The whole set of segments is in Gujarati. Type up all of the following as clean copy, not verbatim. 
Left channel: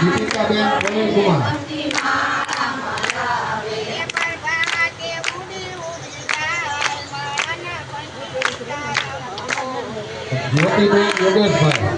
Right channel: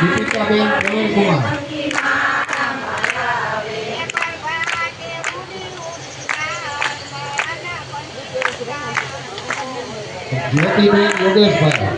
દીપિકાબેન પ્રવીણકુમાર, જ્યોતિબેન યોગેશભાઈ,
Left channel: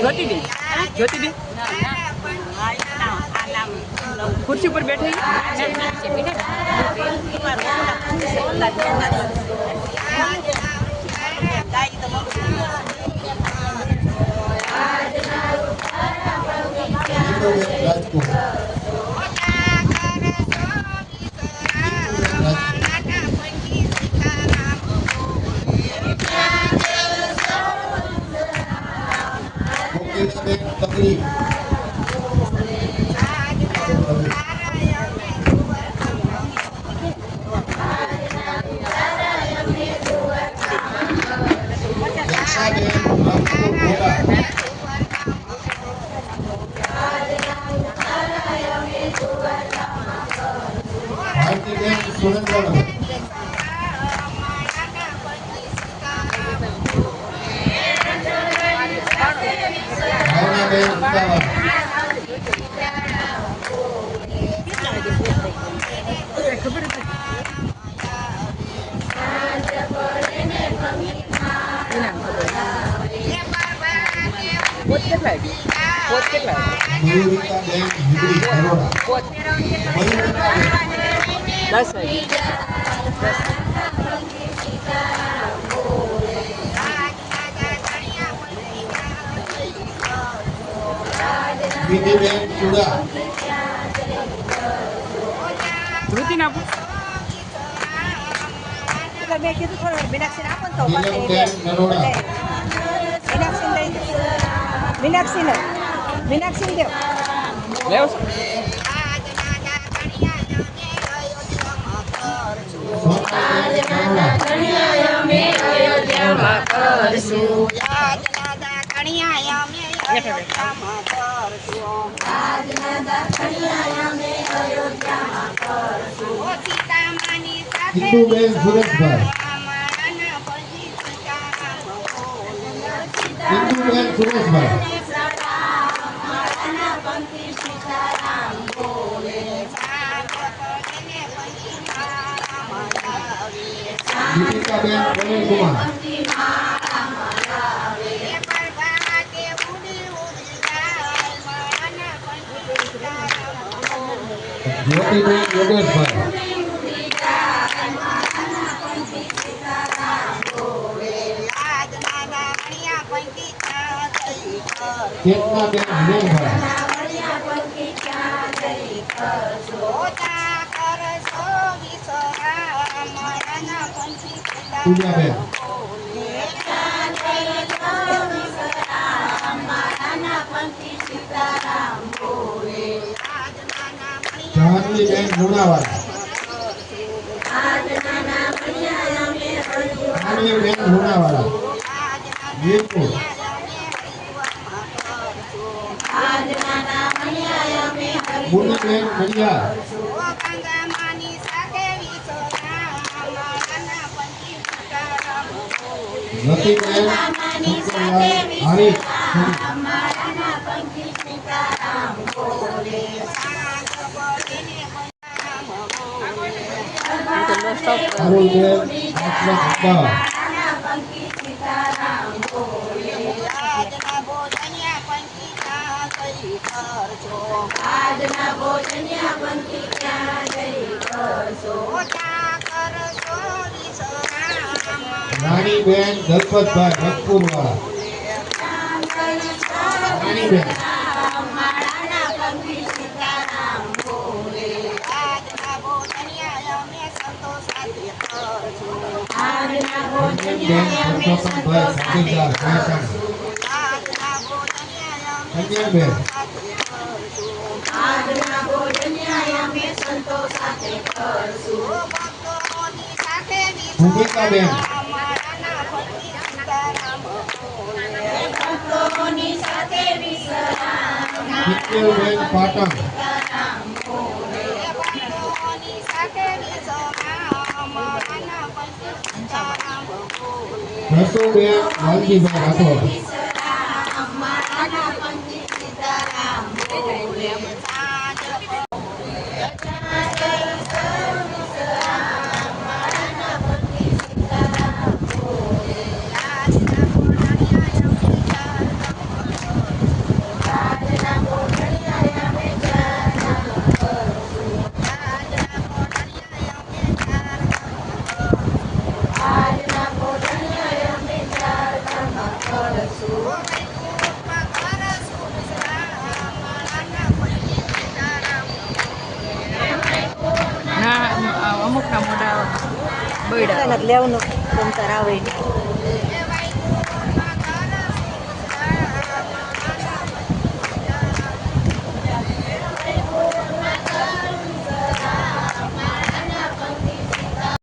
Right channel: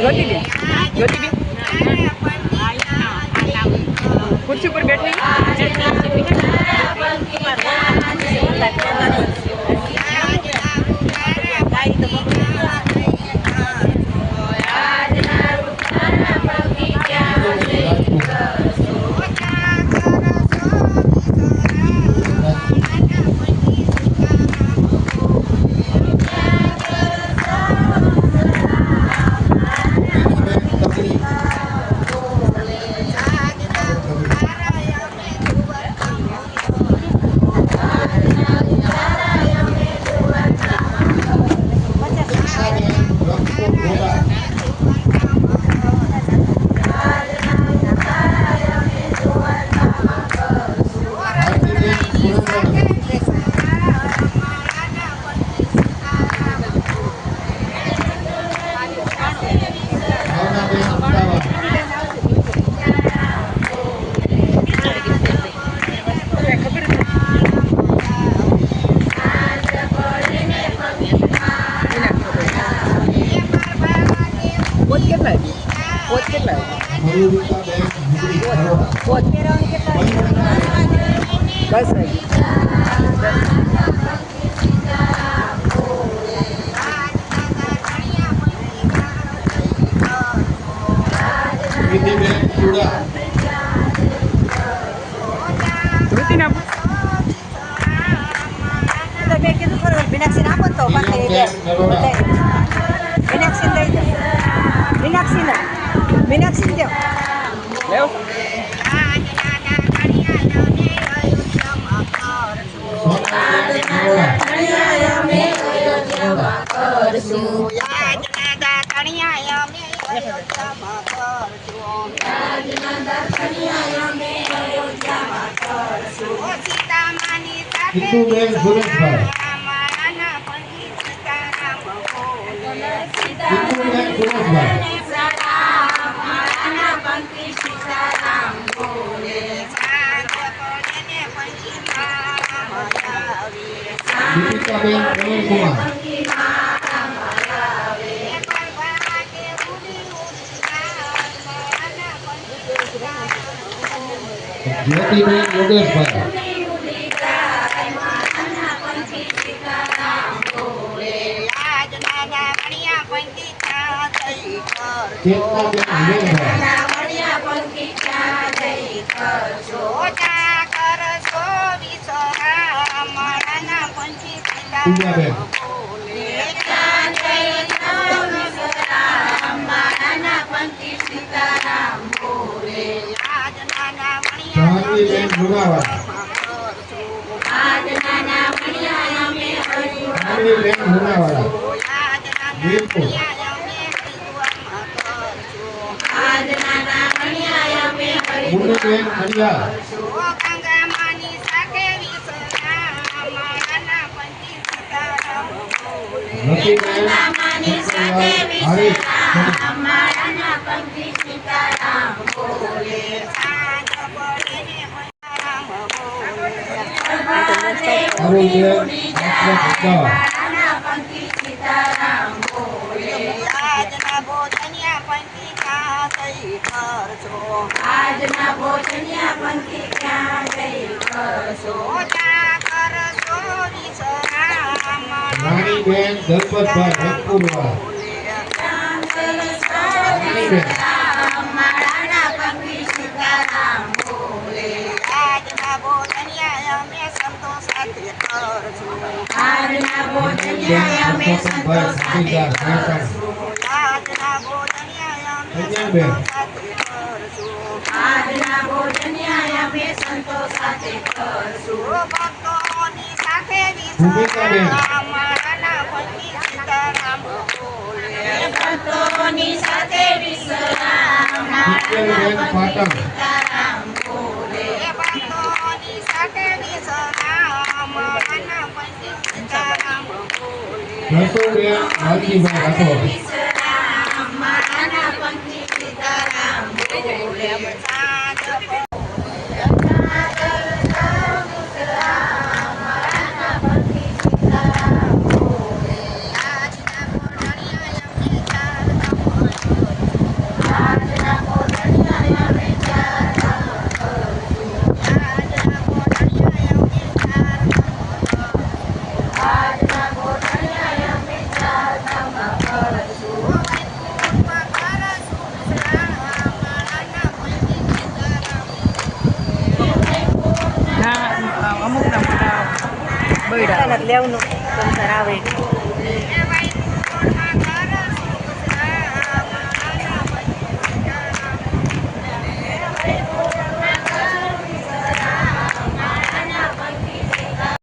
ज्योतिबेन ज्योतिबेन कुर्सी पर बैठे रुतिन आप मैं किधर खड़े मीनाक्षी ना मत तो मीनाक्षी दे ले आओ હિન્દુબેન સુરેશભાઈ, હિન્દુબેન સુરેશભાઈ, દીપિકાબેન પ્રવીણકુમાર, જ્યોતિબેન યોગેશભાઈ, ચેતનાબેન પૂજાબેન, જહાંગીરબેન લુણાવાડા, જહાંગીરબેન લુણાવાડા, વીરપુર, મુનિબેન મડિયાર, રતિબેન હરીશ, અરુણબેન આત્મા આજના ભોજનિયા પંક્તિ ક્યાં જઈ કરશો રાણીબેન દલપતભાઈ રંગપુરવાળા, આજના ભોજનિયા અમે સંતોષ સાથે કન્યાબેન, આજના ભોજનિયા અમે સંતોષ સાથે કરશું ભક્તોની સાથે ભૂમિકાબેન, અમારા પતિ સીતારામ બોલે ભક્તોની સાથે વિશ્રામ શીતલબેન પાટણ ભક્તોની સાથે વિશ્રામ માના પંડિત સીતારામ રસુબેન વાલજીભાઈ રાઠોડ વિશ્રામ માના પંડિત સીતારામ બોલે ના અમુકના મોટા બૈડા લેવાનું આવે